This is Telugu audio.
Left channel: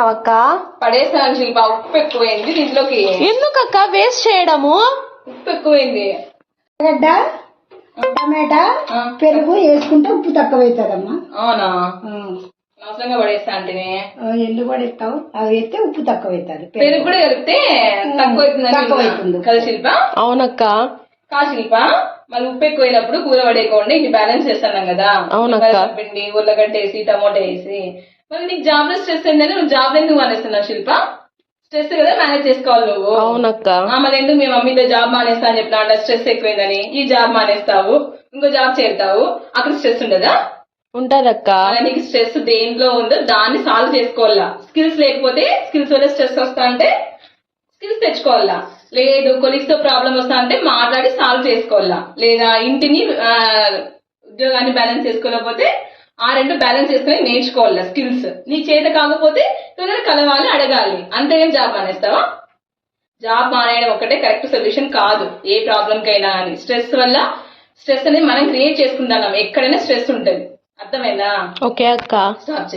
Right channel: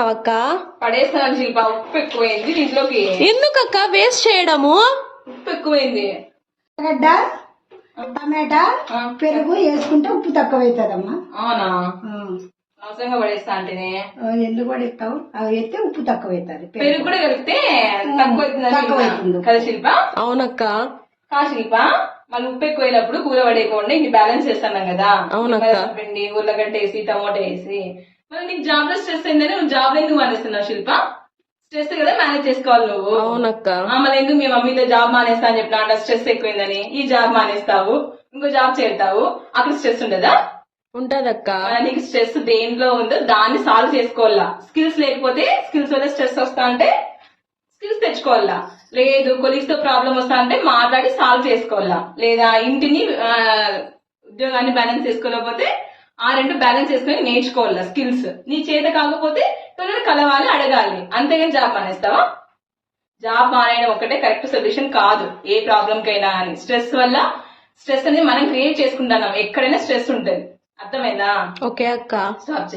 అక్క పడేస్తాను శిల్ప, ఉప్పు ఎక్కువైంది దీంట్లోకి. ఎందుకక్క వేస్ట్ చేయడము? ఉప్పు ఎక్కువైంది. గడ్డ టమాటా పెరుగు వేసుకుంటే ఉప్పు తక్కువ అవుతుందమ్మా. అవునా, అవసరంగా పడేస్తా అంటేనే. ఎందుకు కూడా ఇస్తావు, అవి వేస్తే ఉప్పు తక్కువ అవుతుంది. పెరుగు కూడా కలిపితే తక్కువ అవుతుంది కదా శిల్ప? అవునక్క. శిల్ప మళ్ళీ ఉప్పు ఎక్కువైనప్పుడు కూర పడేయకుండా ఇది బ్యాలెన్స్ చేస్తున్నాం కదా. అవునక్క. పిండి ఉల్లగడ్డ వేసి టమోటా వేసి. మరి నీకు జాబ్ లో స్ట్రెస్ అయిందని నువ్వు జాబ్ ఎందుకు మానేస్తున్నావు శిల్ప? స్ట్రెస్ కదా మేనేజ్ చేసుకోవాలి నువ్వు. అవునక్క. మళ్ళీ ఎందుకు మీ మమ్మీతో జాబ్ మానేస్తా అని చెప్పినా అంటే స్ట్రెస్ ఎక్కువైందని ఈ జాబ్ మానేస్తావు, ఇంకో జాబ్ చేరుతావు, అక్కడ స్ట్రెస్ ఉండదా? ఉంటదక్క. నీకు స్ట్రెస్ దేంట్లో ఉందో దాన్ని సాల్వ్ చేసుకోవాలా. స్కిల్స్ లేకపోతే స్కిల్స్ వల్ల స్ట్రెస్ వస్తా అంటే స్కిల్స్ తెచ్చుకోవాలా. లేదు కొలీగ్స్ తో ప్రాబ్లం వస్తా అంటే మాట్లాడి సాల్వ్ చేసుకోవాలా. లేదా ఇంటిని ఉద్యోగాన్ని బ్యాలెన్స్ చేసుకోలేకపోతే ఆ రెండు బ్యాలెన్స్ చేసుకుని నేర్చుకోవాలా స్కిల్స్. నీ చేత కాకపోతే కలవాలి, అడగాలి, అంతేగాని జాబ్ మానేస్తావా? జాబ్ మానేయడం ఒకటే కరెక్ట్ సొల్యూషన్ కాదు ఏ ప్రాబ్లం కైనా. అని స్ట్రెస్ వల్ల స్ట్రెస్ అనేది మనం క్రియేట్ చేసుకుంటున్నాం. ఎక్కడైనా స్ట్రెస్ ఉంటుంది, అర్థమైందా? ఓకే అక్క. స్టాప్ చేయి.